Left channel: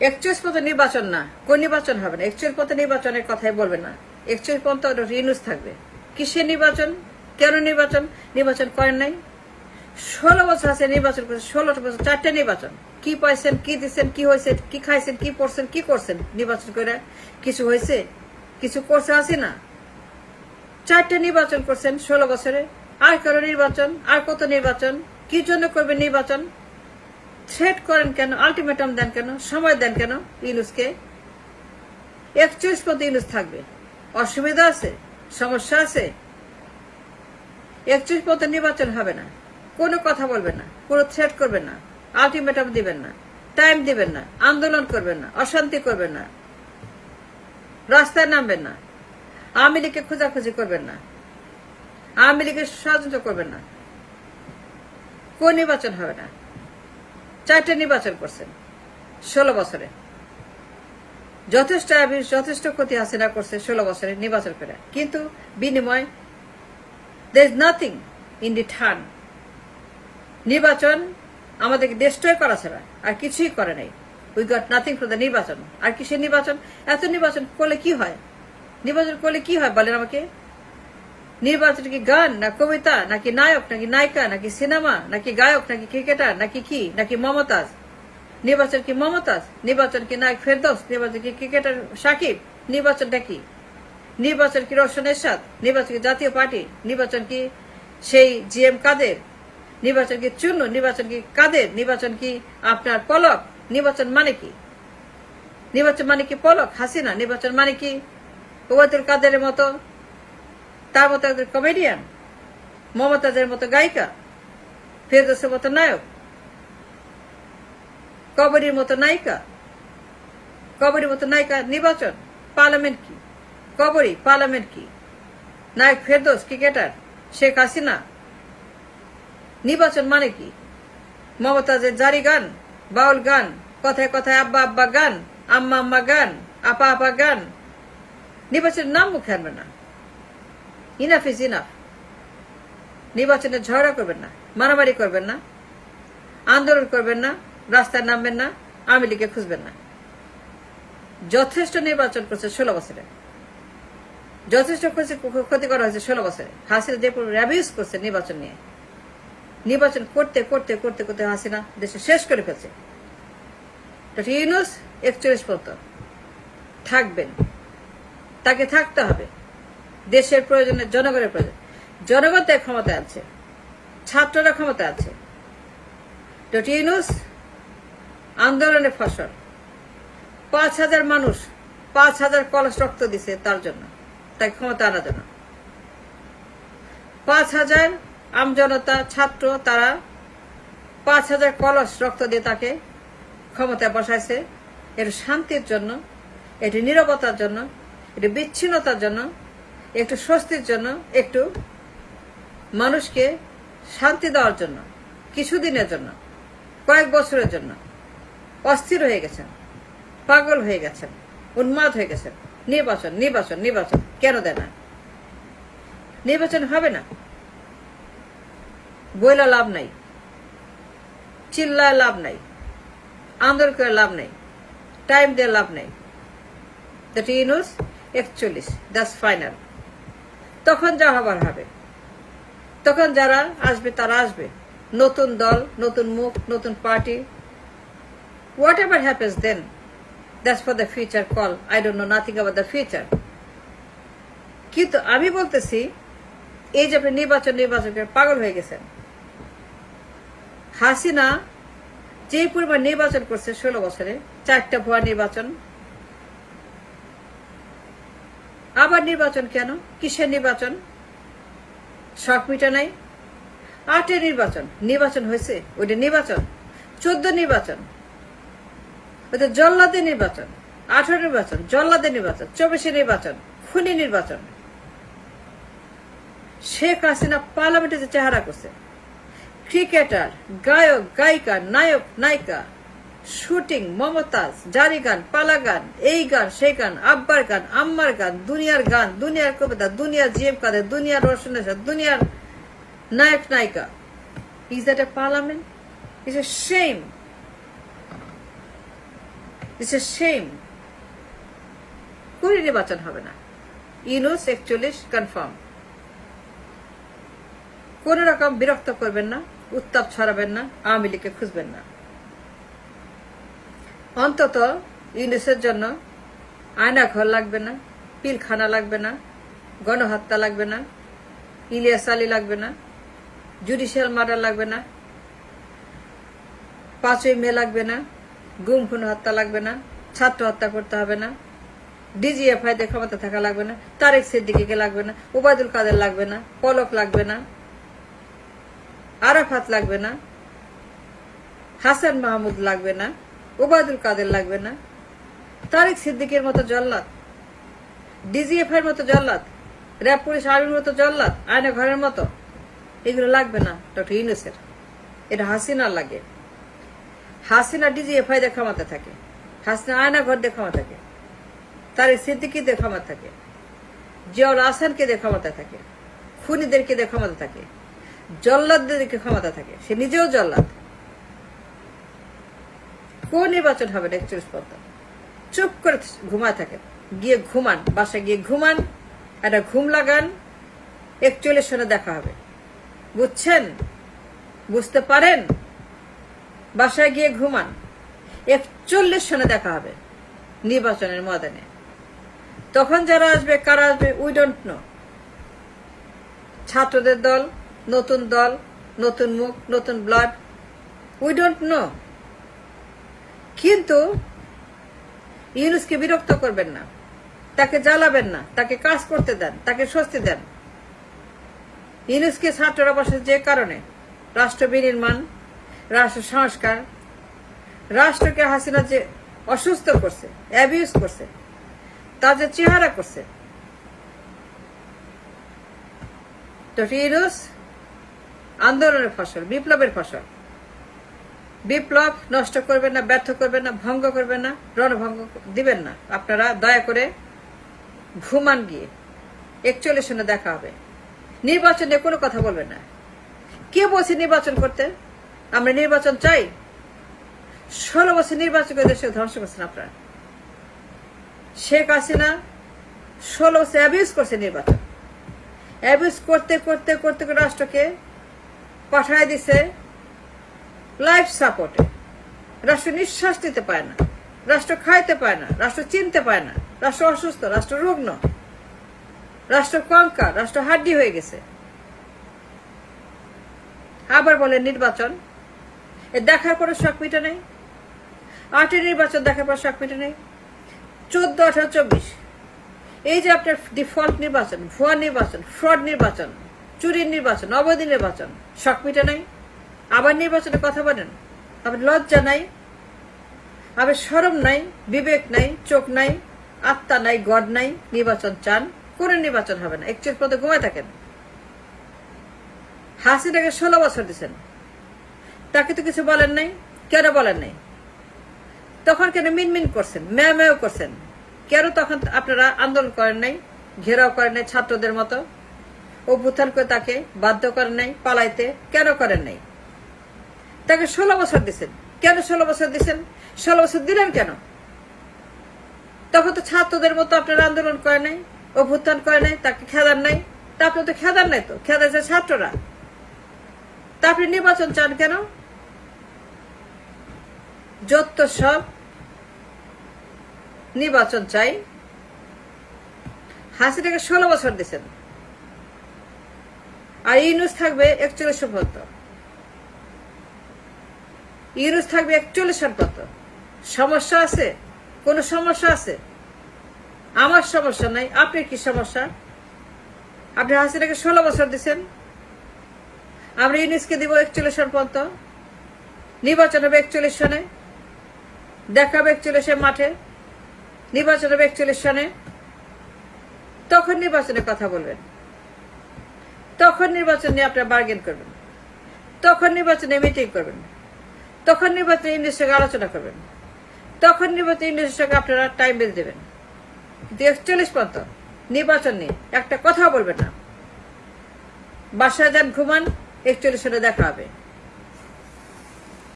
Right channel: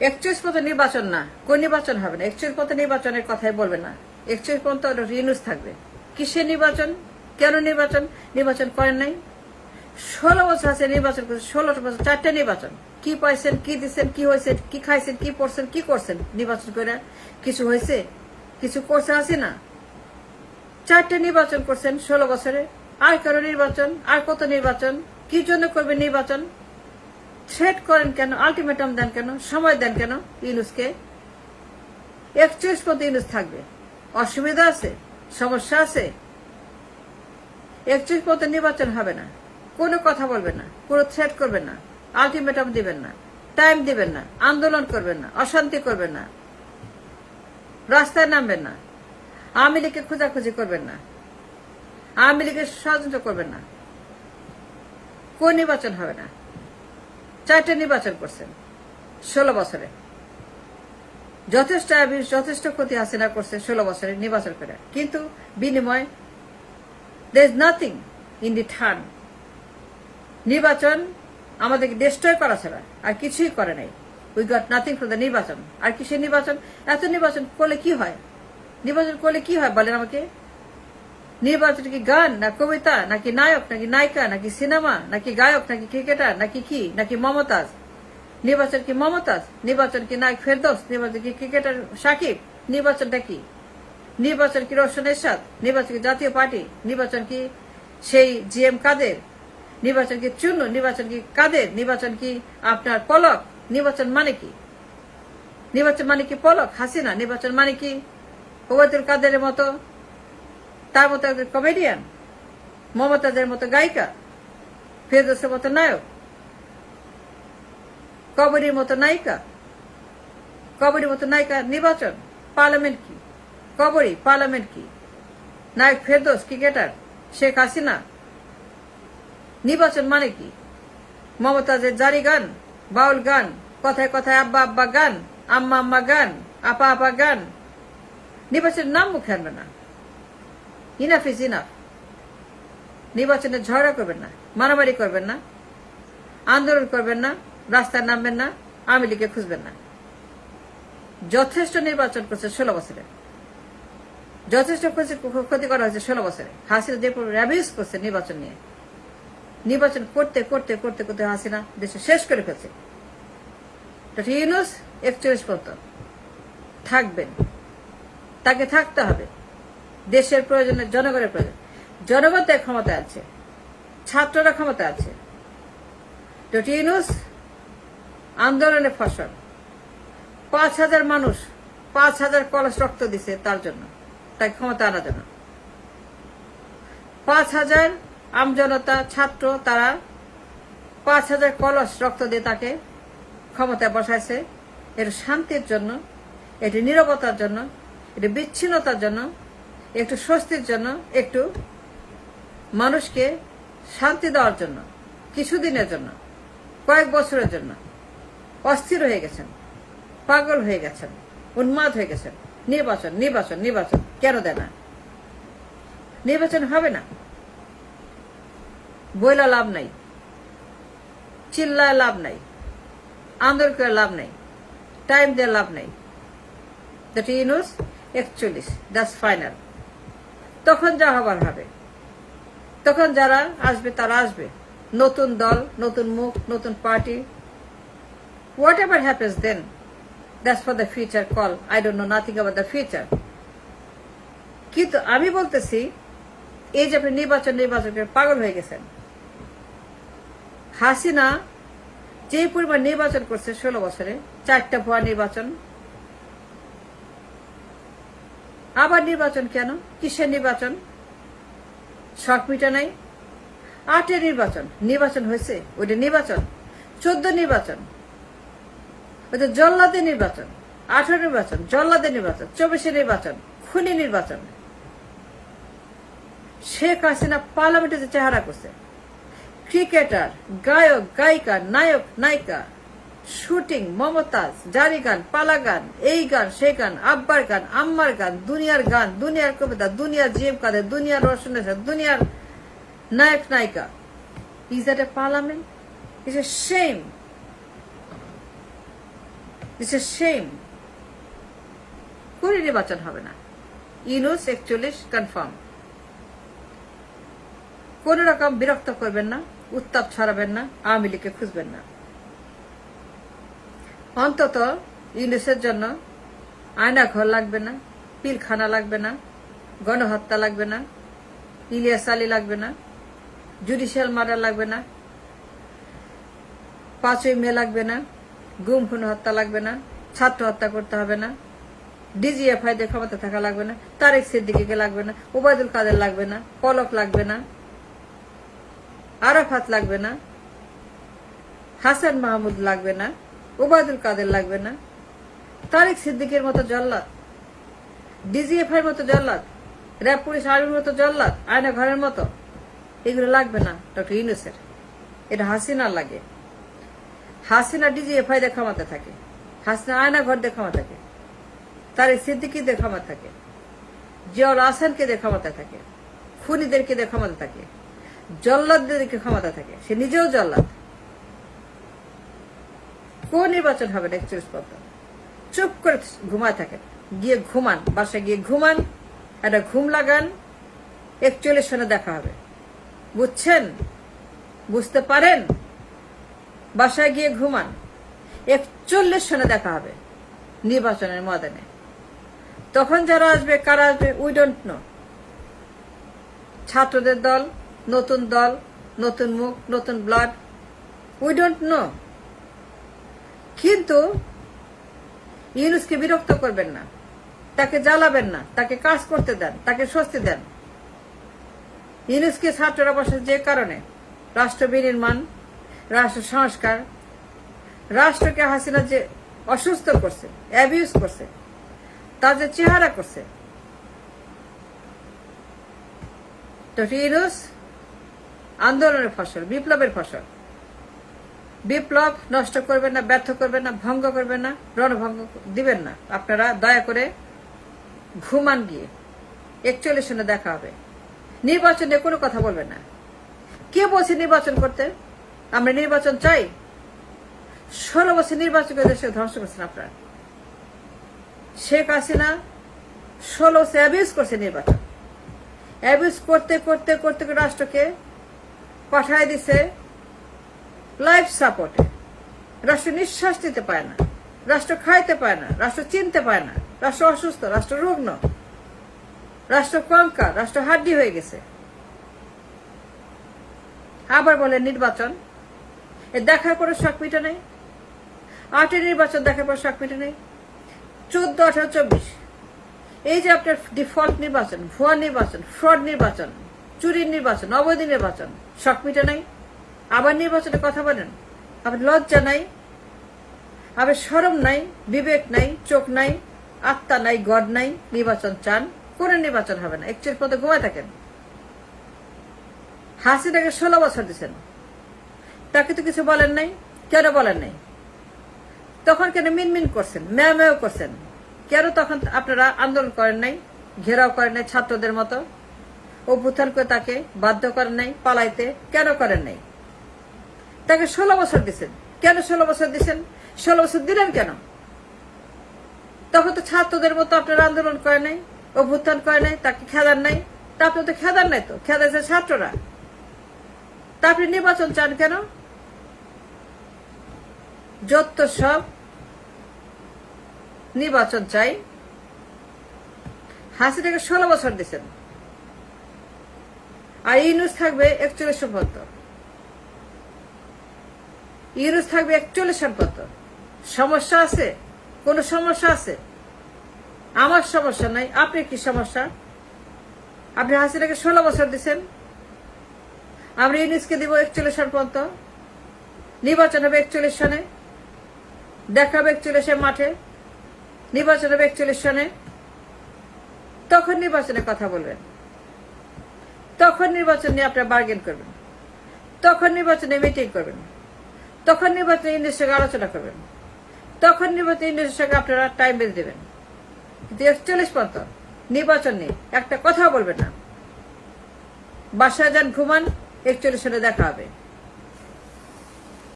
41 পর্যন্ত নির্বাচন না, কোন নির্বাচন হবে না, 41 পর্যন্ত নির্বাচনের কথাই বলবে না, 41 পর্যন্ত ইউনূস থাকবে। কিসের নির্বাচন, কেন নির্বাচন, নির্বাচন করেন নাই, 16 বছর আছে নির্বাচন করছেন, 16 বছর 4টে নির্বাচন, কি পাইছেন, কি দিচ্ছেন, কি হয়েছে, কি খাইছেন, কি পড়ছেন, কি করছেন নির্বাচন করে, কিছু হয়েছে, কিছু করছে আসি না, 4টে নির্বাচন করছেন 16 বছরে, আর কারো নির্বাচন, আর কত নির্বাচন, কি জন্য করবেন নির্বাচন, থ্রেট করেন কেন, আলটিমেটাম দেন কেন, সময় দেন কেন ইউনূসকে, 41 পর্যন্ত ইউনূস থাকবে, অসুবিধা আছে, সমস্যা আছে, 41 পর্যন্ত নির্বাচন হবে না, কোনো কথা বলবেন না, কোনো থ্রেট করবেন না, আলটিমেটাম দিবেন না, টাইম দিবেন না, আন্দোলন করবেন না, অশান্তি করবেন না, রাস্তায় নামবেন না, আওয়ামী লীগকে খোঁজাখুঁজি করবেন না, আওয়ামী লীগের ষড়যন্ত্র করবেন না, কোন নির্বাচন হবে না, 4টে নির্বাচন করছেন 16 বছরে, যথেষ্ট ক্ষতি হাসিনা করছে 16 বছরে নির্বাচন করে, কিন্তু বিনিময় there is nothing in return, নির্বাচন আমাদেরকে ডিস্ট্রয় করা ছাড়া আর কিছুই করে নাই, we got nothing for the নির্বাচন, আর কিসের নির্বাচন, এত নির্বাচন করলে কি হয়, নির্বাচন করলে কি হয় বলেন আমাকে, নির্বাচন কি গান না কবিতা, নাকি নায়ক, নাকি নায়িকা, নাকি সিনেমা, নাকি গায়ক, নাকি ক্রিকেটার, নাকি কি, নাকি মমতাজ, নির্বাচন কি মমতাজ, নির্বাচন কি নায়ক ফেরদৌস, নির্বাচন কি ক্রিকেটার সাকিব, নির্বাচনটা কি, নির্বাচন কি রওশন এরশাদ, নির্বাচন কি জাতীয় পার্টি, নির্বাচন কি সেই জিএম কাদের, নির্বাচন কি চুন্নু, নির্বাচন কি কাদের, নির্বাচন কি আপনার পলক, নির্বাচন মানে কি, নির্বাচন মানে কি পলক হাসিনা, নির্বাচন মানে কি ওবায়দুল কাদেরের মতো, তার মতো একজন কমেডিয়ান, মমতাজের মতো গায়িকা, ফেরদৌসের মতো নায়ক, কবরীর মতো নায়িকা, কবরীর মতো নায়িকা, নির্বাচন, পার্লামেন্ট কি, কবরী পার্লামেন্ট কি, নায়ক ফেরদৌস ক্রিকেটার, শেখ হাসিনা, নির্বাচন মানে কি, মমতাজের জারি গান, বাউল গান, কথায় কথায় আব্বা আব্বা গান, আম্মা আম্মা গান, আপা আপা গান, নির্বাচনের নাম মুখে আনবে না, ইনাফ ইজ ইনাফ, নির্বাচনে ঝগড়া করবেন না, মারামারি করবেন না, আন্দোলন করবেন না, রাস্তায় নামবেন না, আওয়ামী লীগকে খুঁজবেন না, যথেষ্ট নির্বাচন করছে 16 বছরে, যথেষ্ট ক্ষতি করা হয়েছে 16 বছরে, হাসিনা যে র্যাবিউজ করছে নির্বাচন নিয়ে, নির্বাচন করতে করতে করতে করতে হাসিনা দেশে শেষ করে ফেলছে, ইউনূস 41 পর্যন্ত থাকবেন, তাকে থাকতে হবে, দেশের প্রয়োজনে, জনগণের প্রয়োজন, জনগণ তাই ক্ষমতা আছে, ছাত্ররা ক্ষমতা আছে, ইউনূস আন্দোলনের ফসল, 5,000 মানুষ 5,000 কলস রক্ত দিছে তার জন্য, তাই ক্ষমতা আনার জন্য, 5,000 আমজনতা ছাত্র, তারা 5,000 কলস রক্ত দিয়ে তাকে ক্ষমতায় বসাইছে, একটু শান্তির জন্য, একটু নীরবতার জন্য, একটু বিচ্ছিন্নতার জন্য, একটু স্বস্তির জন্য, একটু মানুষকে শান্তি দেওয়ার জন্য, কিছুদিনের জন্য, কয়েক বছরের জন্য অস্থির হয়ে গেছেন, পাগল হয়ে গেছেন, উন্মাদ হয়ে গেছেন, নির্বাচন নির্বাচন নির্বাচন কেন দেয় না, নির্বাচন হবে না, বইলা লাভ নাই, চিল্লায় লাভ নাই, আন্দোলন করে লাভ নাই, টাইম দিয়ে লাভ নাই, দ্যাট ইউনূস 41, দ্যাটস ফাইনাল, তখন যা হবার হবে, তখন যারা আসবে তারা আসবে, নতুন দল, নতুন মুখ, নতুন party, whatever happens then, that's for the future call, I don't know nothing about the future, কিন্তু আমি বলতেছি এই যে আপনি নির্বাচন করে পাগল হয়ে গেছেন, হাসিনা যে পরিমাণ নির্বাচন করছে 16 বছরে, 4টা ভুয়া নির্বাচন, আবার নির্বাচন কেন, কিসের নির্বাচন, শখ মিটা নাই, 8 নির্বাচন হয়েছে, ওইটা নির্বাচন, 14 নির্বাচন, ওইটা জল্লাদের নির্বাচন, 18 নির্বাচন, জল্লাদের নির্বাচন, 24 নির্বাচন, খুনি নির্বাচন, শেখ হাসিনা পার্লামেন্টে যে চেহারা করছে, ক্রিকেটার, গায়ক, গায়িকা, নায়ক, নায়িকা, শুটিং, মমতাজ, জারি গান, পালা গান, এই গান, সেই গান, আব্বার গান, আম্মার গান, দুনিয়ার গান, দুনিয়ার কবিতা, দুনিয়ার জিএম কাদের, দুনিয়ার রওশন এরশাদ, দুনিয়ার নায়ক নায়িকা, is that a parliament? It's a shame, this is shame. কোন নির্বাচন হবে না। ইউনূস 41 কনফার্ম। কোন রকম বিরক্ত করবেন না, উত্তাপ ছড়াবেন না, আওয়ামী লীগকে খুঁজবেন না। অন্তত ইউনূসের জন্য আয়নাঘর লাগবে না, পিলখানা লাগবে না, গণহত্যা লাগবে না, ইলিয়াস আলী লাগবে না, জুডিশিয়াল মার্ডার লাগবে না, 5ই মে লাগবে না, গুম খুন হত্যা লাগবে না, ছাত্র হত্যা করতে হবে না, ডিজিএফআই দের ক্ষমতা থাকা লাগবে না, তারেক সিদ্দিকীকে লাগবে না, ওবায়দুল কাদের লাগবে না, পলক লাগবে না, আরাফাত লাগবে না, হাসান মাহমুদ লাগবে না, ওবায়দুল কাদের লাগবে না, তারেক সিদ্দিকের মতো জল্লাদ, ডিজিএফআই এর মতো জল্লাদ, র্যাব পুলিশ আর্মির মতো জল্লাদ, আয়না ঘরের মতো, এগুলো লাগবে না ডক্টর ইউনূসের। এটা হাসিনার লাগে। হাসিনা ডিজিএফআই দের ক্ষমতা থাকে, হাসিনা আয়না ঘর দিয়ে ক্ষমতা থাকে, তারেক সিদ্দিকীদের ক্ষমতা থাকে, জিয়াউল হাসানকে দিয়ে ক্ষমতা থাকে, খুনিদেরকে দিয়ে ক্ষমতা থাকে, জল্লাদদেরকে ক্ষমতা থাকে। সে নিজেও জল্লাদ। কোন নির্বাচন হবে না 41 পর্যন্ত? চুপ করে ঘুমায় থাকেন, গিয়ে ঘুমান, বাসায় গিয়ে ঘুমান, একটা ঘুম লাগান, 41 সনে দেখা হবে। বুঝছেন? বুঝতে পারেন? বাসায় গিয়ে ঘুমান, 41 সনে দেখা হবে নির্বাচনের ময়দানে। তখন যারা আসবে, কারা আসবে, উই ডোন্ট নো। ছাত্রদের দল, নতুন মুখ, নতুন ব্লাড, উই ডোন্ট নো। কিন্তু ইউনূসকে বিরক্ত করবেন না, তাকে জ্বালাবেন না, তাকে কাজ করতে দেন, তাকে স্বস্তি দেন। ইউনূসকে ছাত্ররা বসে যে কারণে রাষ্ট্র বিনির্মাণ, রাষ্ট্র সংস্কার, রাষ্ট্রকে হাসিনা যে অসুস্থ করছে, অ্যাবিউজ করছে, তার যে চেহারা করছে, ডক্টর ইউনূস আন্দোলনের ফসল, বিপ্লবের ফসল। বিপ্লব নষ্ট করবেন না, ব্যর্থ করবেন না, ভঙ্গ করবেন না, রণভঙ্গ দিবেন না। আপনারা দয়া করে ঘুমান, গিয়ে 41 সনে দেখা হবে। নির্বাচনে কোনো কথা বলবেন না। কে বলছে নির্বাচন করতে? আমরা নির্বাচন চাই? 16 বছর নির্বাচন করে দেশকে ধ্বংস করছেন আপনারা। শেখ হাসিনা 16 বছর অ্যাবিউজ করছে নির্বাচন। অ্যাবিউজ করতে করতে করতে রাষ্ট্রকে পাঠায় দিছে লাইফ সাপোর্টে। রাষ্ট্র নিঃশ্বাস নিতে পায় না, রাষ্ট্র খাইতে পায় না, রাষ্ট্র চিনতে পায় না, রাষ্ট্র অসুস্থ, রাষ্ট্র রুগ্ন, রাষ্ট্র কঙ্কাল, রাষ্ট্র হাড্ডি হয়ে গেছে। আবার বলে নির্বাচন, দেখার পরে শখ মিটে নেই। 8 নির্বাচন দেখার পর শখ মিটে নেই। 14, 18, 24 এই যে আপনার ডিফল্ট নির্বাচন, ভুয়া নির্বাচন, ফ্রড নির্বাচন, চুরির নির্বাচন, অবৈধ নির্বাচন, শখ মিটে নাই। আবার নির্বাচনের কথা বলেন। আবার লজ্জা নাই, আবার শরম নাই, বিবেক নাই, চোখ নাই, আত্মা নাই, গড নাই। নির্বাচন চান? কোন নির্বাচন হবে না। 41 পদে ঘুমায় থাকেন। হাসিনাকে 16 বছর দিচ্ছেন, তাকে তো কিছু বলেন নাই। কেন বলেন নাই? তখন কেন মিনমিন করছেন, ম্যাও করছেন? কেন তখন আপনারা আন্দোলন করেন নাই, ঘেরাও করেন নাই ছাত্রদের মতো, অভ্যুত্থান করে তাকে বাধ্য করেন নাই পালাইতে? কেন করেন নাই? তাকে 16 বছর দিচ্ছেন। কেন 16 বছর দিচ্ছেন? 16 বছর দিলেন কেন? তখন তো ছাত্রদের মতো আপনারা আন্দোলন করে নাই, অভ্যুত্থান করে নাই, তাকে খেদান নাই। তা আপনি তো খেদান নাই, তো খেদাইছে ছাত্ররা। তা আপনি নির্বাচন চান কেন? যত সব নির্বাচন চাই। হাসিনাকে 16 বছর দিচ্ছেন, আর ইউনূস থাকবে 41 পর্যন্ত। ইউনূস থাকবে 41 পর্যন্ত। সমস্যা আছে? কোন সমস্যা আছে? আমার সমস্যা নাই। আপনার কি সমস্যা? আপনি হাসিনাকে 16 বছর দিচ্ছেন, আমরা ইউনূসকে দিব 41 পর্যন্ত। নির্বাচন হবে 41 সনে, দেখা হবে 41 মাঠে, নির্বাচন হবে 41 সনে। তখন নির্বাচনের কথা বলবেন, তখন নির্বাচন নিয়ে আপনারা বার্গেন করবেন, তখন নির্বাচনে মিটিং করবেন, তখন নির্বাচনে ইউনূসের সঙ্গে আলোচনা করবেন, তখন নির্বাচনে ইউনূসের সঙ্গে আপনারা টাইম বেঁধে দেবেন। কিন্তু 41 পর্যন্ত নির্বাচন নিয়ে একটা কথাও বলবেন না। বাসায় যান, ঘুমান, 41 সনে দেখা হবে।